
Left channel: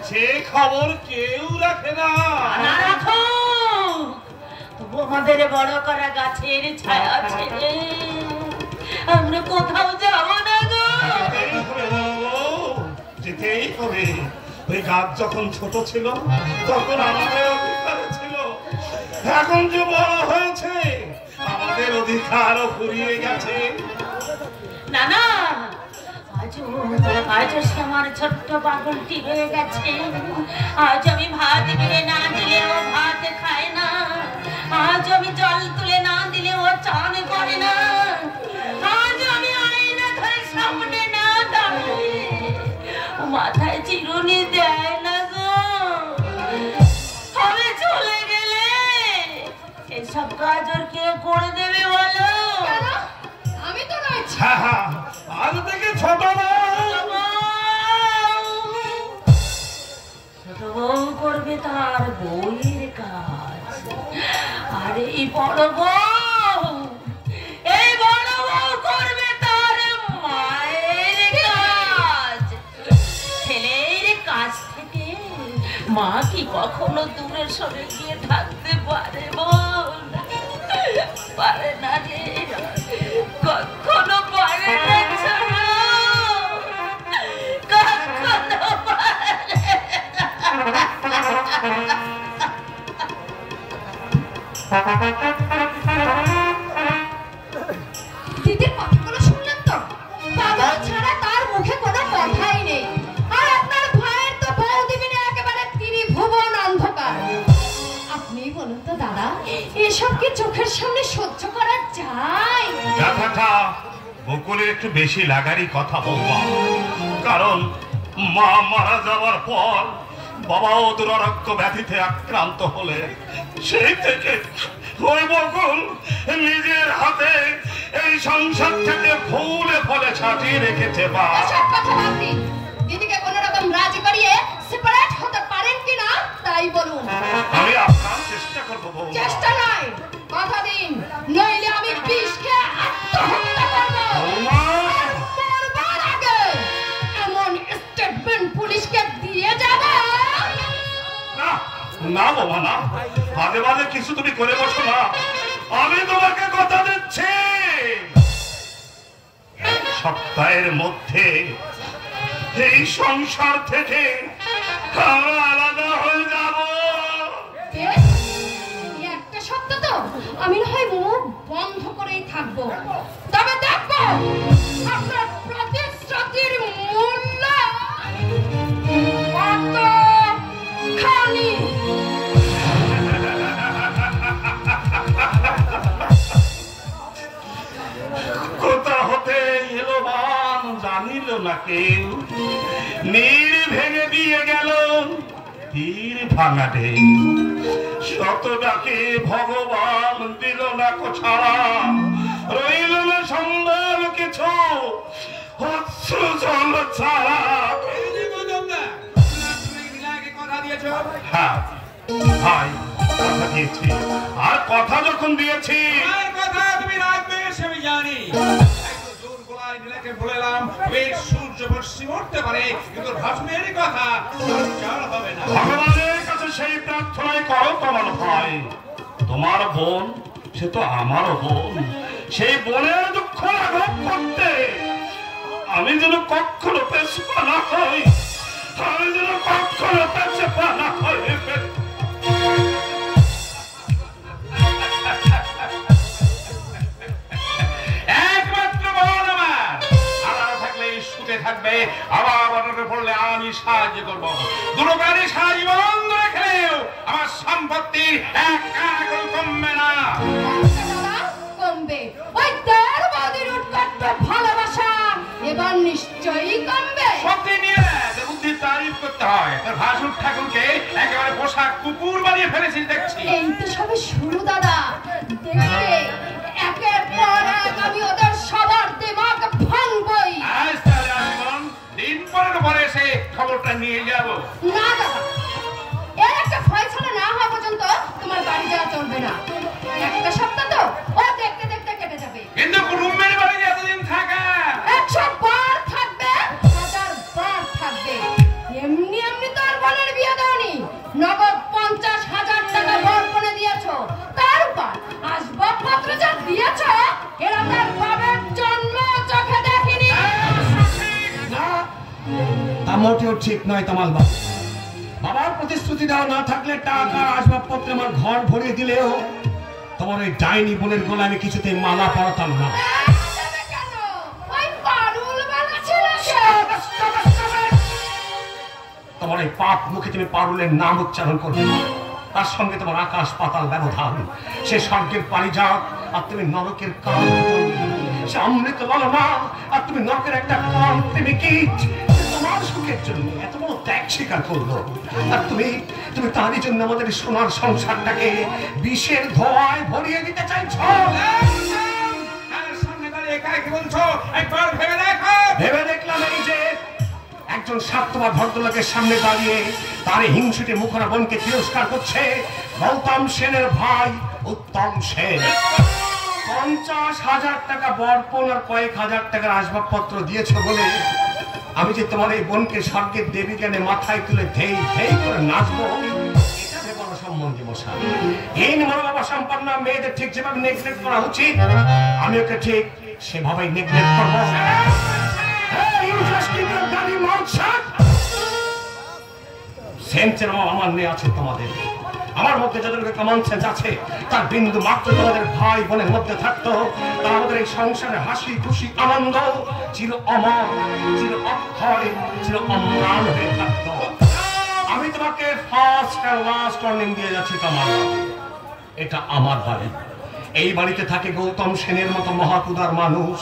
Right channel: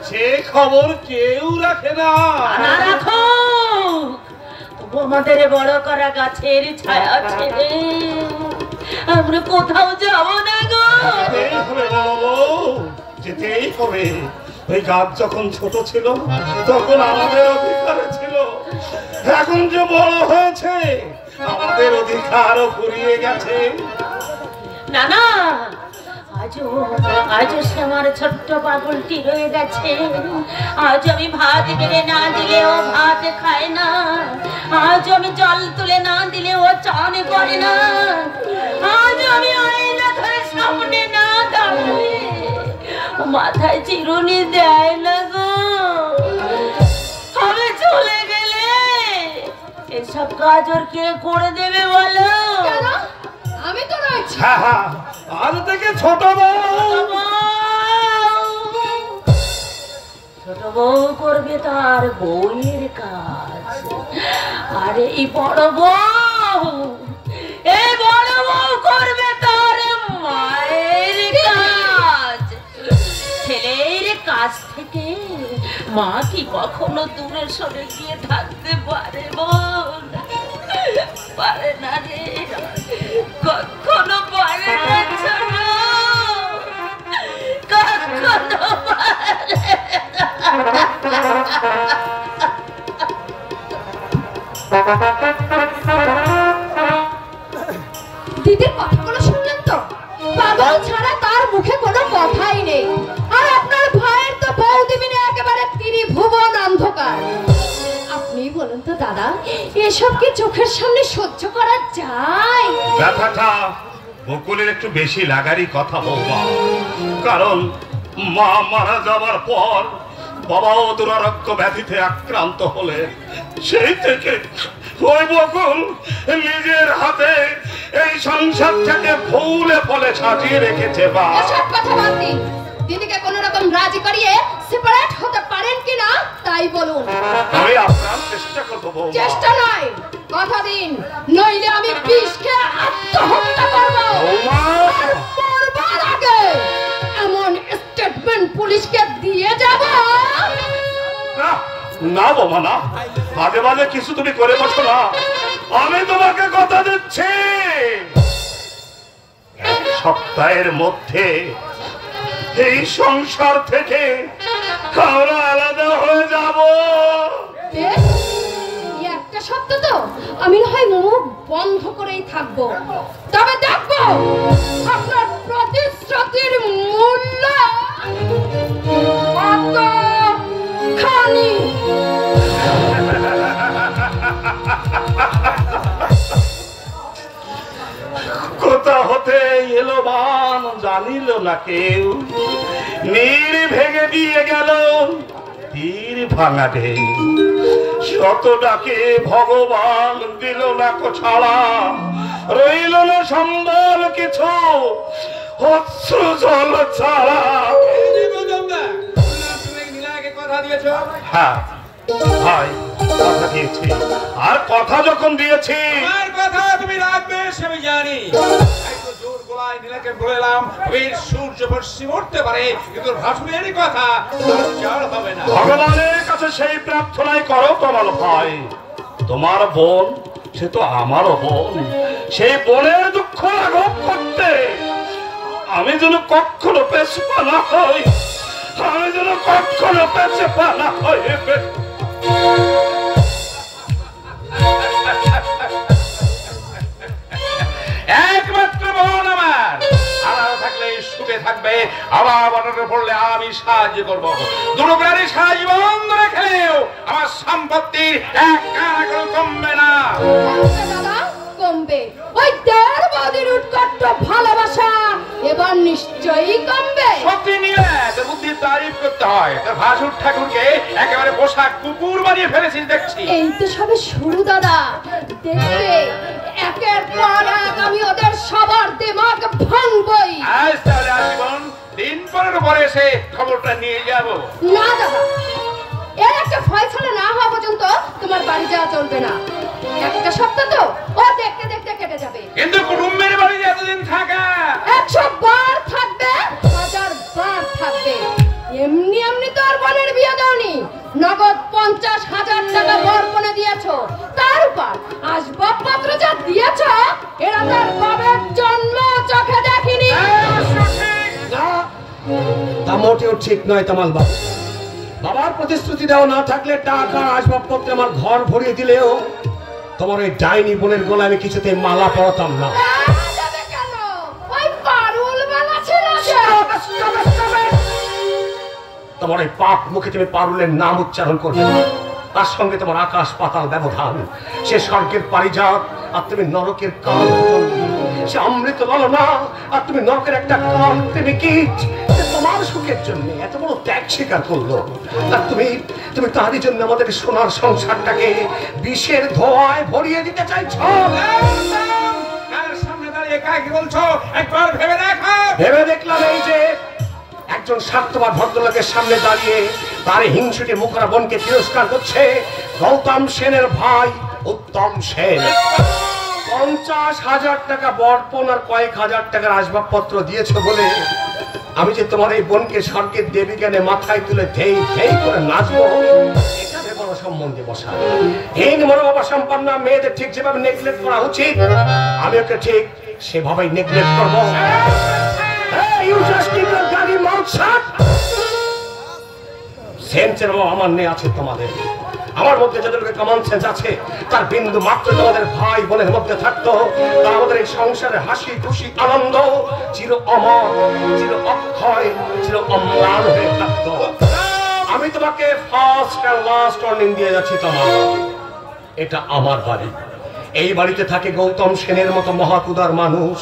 সে খবর কেউ রাখে না। রাখো, তবু আমাদের বড় করা গাছের ছায়া ছেড়ে আমরা কোথাও যাব না গো। যেতেই হবে বড় বউ, যেতেই হবে। ওই গাছ যখন ছোট ছিল তখন আমাদের অধিকারে ছিল, এখন যে বড় হয়েছে আমাদের অধিকারও ফুরিয়ে গেছে। না না, আজও সে আমার ছোট্ট পাগলটি রয়ে গেছে। আজ আমি ভাত বেড়ে না দিলে ও ভাত খায় না। আজ আমি জল তুলে না দিলে ও চান করে না। আজ আমি আয়না ধরে সামনে না দাঁড়ালে মাথায় চিরুনি দেয় না গো। আমি চলে গেলে এসব কাজ ওর কে করে দেবে বলো? আমি তো রয়েছি। হ্যাঁ হ্যাঁ, আজ থেকে ছোট বউ ছোট বউ করবে তার বউয়ের কাজ, আর এই বড় বউ করবে তার মায়ের কাজ। ছেলের কাছ থেকে মা কি কখনো দূরে সরে গিয়ে থাকতে পারে? বোন পারে না রে, কখনো পারে না, কখনো পারে দিদির কথাগুলো শুনলেন তো? পাগল ছাড়া তার মুখে কোনো কথাই নেই। আর আপনার ভাইয়ের তো বৌদি মিলে একেবারে ত্রিভুবন অন্ধকার। আপনি বলুন তো দাদা, এসব কি চোখের সামনে সহ্য করা যায়? ব্যথাটা বকুলের একটু বেশি লাগারই কথা বলবা, কারণ মা মারা যাওয়ার পর বাবাও দুরারোগ্য ব্যাধিতে আক্রান্ত হলে সেই থেকে ওই বকুল নিজের হাতে এই সংসারটাকে ফুলে ফলে সাজিয়ে রেখেছে। বা এসব কথা বাদ দিন, দিদিকে কোন রকম রাজি করিয়ে সেপারেট হতে পারেন কিনা তাই বলুন। আমি আপনার চেষ্টা করবো। চেষ্টা নয়, কথা দিন, নইলে আমি বিষকে আত্মহত্যা করবো। করবার আগে এমন স্টেটমেন্ট পুলিশকে দিয়ে যাব। না বাবা না, মাঝে মাঝে কিছু তুমি করে বসো না। আমি তোমাকে কথা দিচ্ছি, এক সপ্তাহের মধ্যে এই সংসার থেকে আমরা আলাদা হয়ে যাব। একটা সপ্তাহ তো আমি না হয় মুখ বন্ধ করেই থাকবো, তবে দেখবো আপনার প্রতিশ্রুতির মূল্য কতখানি। কোথা হতে এলো বান জানিল না কেউ, নীর ভেঙে দিয়ে গেল তীর ভাঙা ঢেউ। শত ডাকে ভগবান দিল না ছাড়া, রইল না সম্বল কিছু অশ্রু জল ছাড়া। হ্যাঁ ভাই, কথা দিয়েছি, আর কথা যখন দিয়েছি কথা তুমি রাখবে সে আমি জানি। নীলাকে বলেলাম সূর্য পশ্চিম উঠতে পারে, কিন্তু ভাসুরের কথা হবে না। ভগবানের কাছে সেই প্রার্থনাই করো তোমার ভাই। তোমার বোন সে তো আমারও বোন, সেই বোনের দুঃখ লাঘব করতে আমি যেন কখনো পেছপা না হই, আমি যেন কখনো পেছপা না হই। একমাত্র বোন আমার, আলাদা থাকলে সুখে থাকবে, আবার পড়লে আমি সাহায্য করবো। দুটো প্রাণী সারা জীবন ধরে খেলেও আমার সম্পত্তির এক কানা করে কমবে না। কমবে, ওই দেড় বাদির উৎকট ভালোবাসা এবার নিশ্চয়ই কমবে। শক্তি নিয়ে তোর বুদ্ধির তারিফ করতে হয়। তোর ভাসুর ঠাকুরকে একেবারে পোশাক কুকুর বানিয়ে ফেলেছিস দেখছি। এই তো সবে শুরু দাদা, দেখবে একের পর এক আমি ওদের সবার দিমাগ ভাঙবই। আজ তাহলে আসবেন, দিন পরের পরে এসে খবরটা নিয়ে যাব। না দাদা, এর একটা ফয়সালা না হওয়া পর্যন্ত তোমার বাড়ি যাওয়া চলবে না। একটা সপ্তাহ তো ও দেখতে দেখতে কেটে যাবে। কিন্তু কুটুম্বের বাড়ি এতদিন থাকা 100 বার থাকবে, 1000 বার থাকবে। এমনি এমনি তো আর বোনের বিয়ে দাওনি, নগদ 50,000 টাকা বরপণে দিয়েছো, তার উপর আসবাবপত্র যা দিয়েছো এরা তার বাবার জন্ম চোখে দেখিনি। তা মোটেও ঠিক নয় তামাল বাবু। বাবার প্রতিশ্রুতি দেওয়া না থাকলে টাকা আসবাবপত্র আমার ঘর ভরিয়ে দিলেও তোমার ওই ডাইনি বোনের গলায় আমি কিছুতে মালা পরাতাম না। কেন ওই পারুল মালা ছিল? তোমার ওই পাপ মুখে তুমি পারুলের নাম উচ্চারণ করবে না, তার সঙ্গে তোমার আকাশ পাতাল ব্যবধান। সে স্বর্গের পারিজাত আর তুমি নরকের কাল। সে অমৃত লালনা আর তুমি নরকের একটা কাল। তুমি কি তোমার সুখের জন্য এত বড় ত্যাগ স্বীকার করলো, আর তুমি তুমি তারই জন্য আমাদের সোনার সংসারটাকে বিষের ধোঁয়ায় ভরিয়ে দিতে চাইছ। সামনে দাঁড়িয়ে কাকে কি বলছো একবার ভেবে দেখো। ভেবে দেখলাম এই যে একজন স্বার্থবান ভদ্রলোকের সামনে দাঁড়িয়ে তার হিংসুটে মুখরা বোনকে তিরস্কার করছে গৌতম সেনের ভাই উত্তম সেন। 50,000 টাকা বরপণ আর কয়েক হাজার টাকার আসবাবপত্র দিয়েছে বলে আমি যে তোমার এই বোনকে স্বর্গের দেবী জ্ঞানে মাথায় তুলে ধেই ধেই করে নাচবো, এখানে বড় সম্বন্ধে বসা। হীন মনোভাবা সম্পন্ন মেয়েদের ঠিক যেভাবে নেগলেক্ট করা উচিত, আমি ওকে ঠিক সেভাবেই নেগলেক্ট করবো। সেন্সের অভাব আমার নেই আছে তোমাদের। আমার মধ্যে যতটুকু কমন সেন্স আছে তার বিন্দু মাত্র তোমাদের ভাই বোনের মধ্যে থাকতো, তা আমাদের এই সংসারে হাসি খুশি আনন্দ চির অমর, চির অক্ষয়, চির অম্লান হয়ে থাকতো। আমি তোমাকে ফার্স্ট আর লাস্ট ওয়ার্নিং দিয়ে যাচ্ছি, তোমার এটা আমার বাড়ি। এই বাড়িতে থাকে গৌতম সেনের মতো মহাকুদার মানুষ,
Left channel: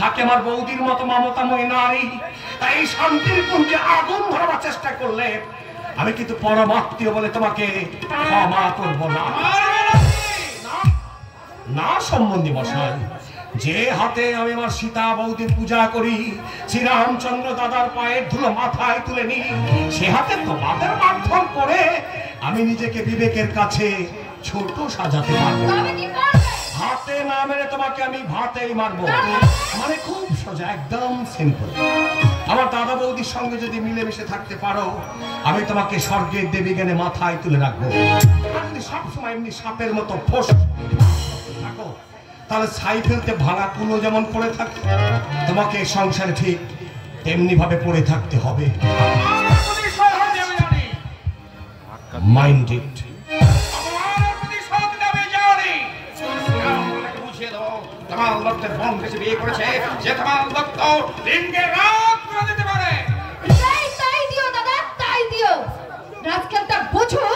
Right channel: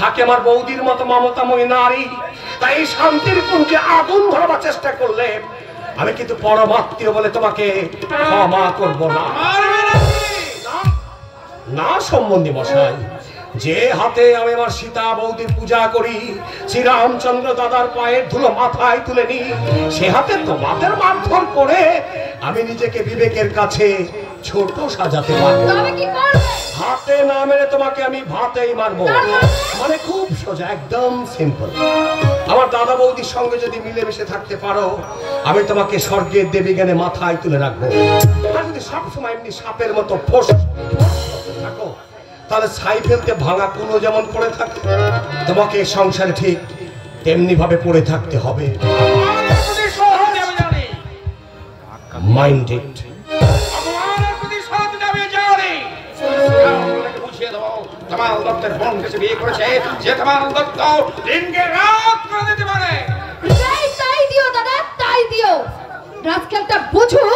থাকে আমার বৌদির মতো মমতাময়ী নারী। তাই এই শান্তির কুঞ্জে আগুন ধরাবার চেষ্টা করলে আমি কিন্তু পরমাত্মীয় বলে তোমাকে ক্ষমা করব না। না সম্বন্ধী মশাই, যে হাতে আমি আমার সীতা বৌদির পূজা করি, শ্রীরামচন্দ্র দাদার পায়ের ধুলো মাথায় তুলে নি, সে হাতে তোমাদের মারধর করে আমি নিজেকে বিবেকের কাছে ছোট সাজাতে পারবো। হাতে না মেরে তোমাকে আমি ভাতেই মারবো। মানে খুব সোজা, একদম সিম্পল। আমার দাদা বৌদির সঙ্গে যদি মিলেমিশে থাকতে পারো, আমি তোমাকে স্বর্গের দেবী জ্ঞানে মাথায় তুলে রাখবো। আর যদি সবসময় এমনি সাপের মতো ফোঁস থাকো, তাহলে ছাই ফেলতে ভাঙা কুলো যেমন পড়ে থাকে, তোমাকে সংসারে ঠিক তেমনি ভাবে পড়ে থাকতে হবে। মাইন্ডেড। তোমার লোকদের বোন কাছে বিয়ে করেছে, যে তোমার লোক লিঙ্গের রাত করে দিতে পারে। তাই দিও দাদা, তাই দিও। রাজকেলটা বুঝো,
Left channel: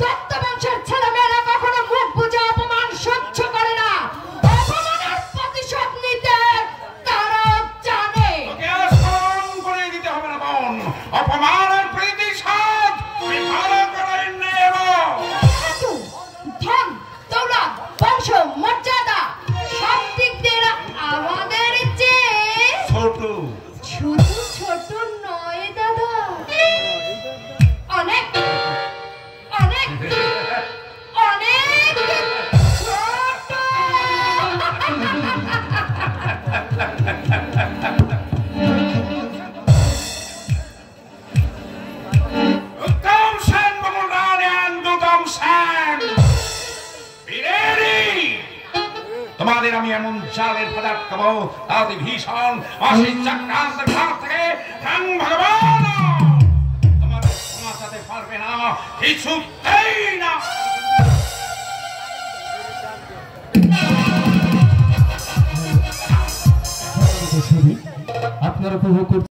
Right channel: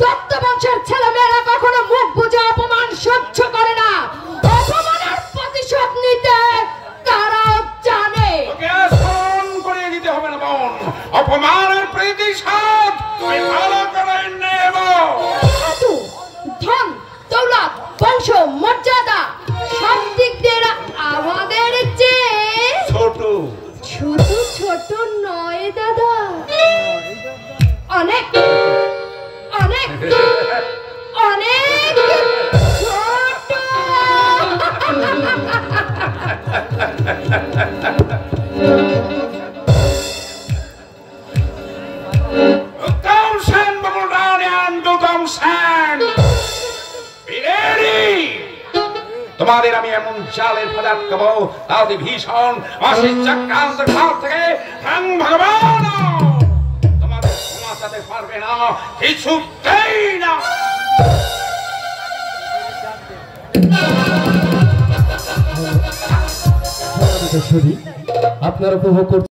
দত্ত বংশের ছেলে মেয়েরা কখনো মুখ বুঝে অপমান সহ্য করে না। অপমানের প্রতিশোধ নিতে তারা জানে। ওকে স্মরণ করে দিতে হবে না বোন, অপমানের প্রতিশোধ আমি ভালো করে নেব। ধন দৌলত বংশ মর্যাদা সব দিক দিয়ে আমাদের চেয়ে ছোট। ছোট ছোট নয় দাদা, অনেক অনেক অনেক ছোট। উত্তম সেন বমুরানি আন্দুতম সেন বিরেডি। তোমাদের আমি এমন জালের পদার্থ খাবো, আদি ভীষণ অসিত চক্রান্তের হাত থেকে রাং ভগবান তোমাদের বাঁচাতে পারবে না, কিছুতেই না। আপনারা উপভোগ করছেন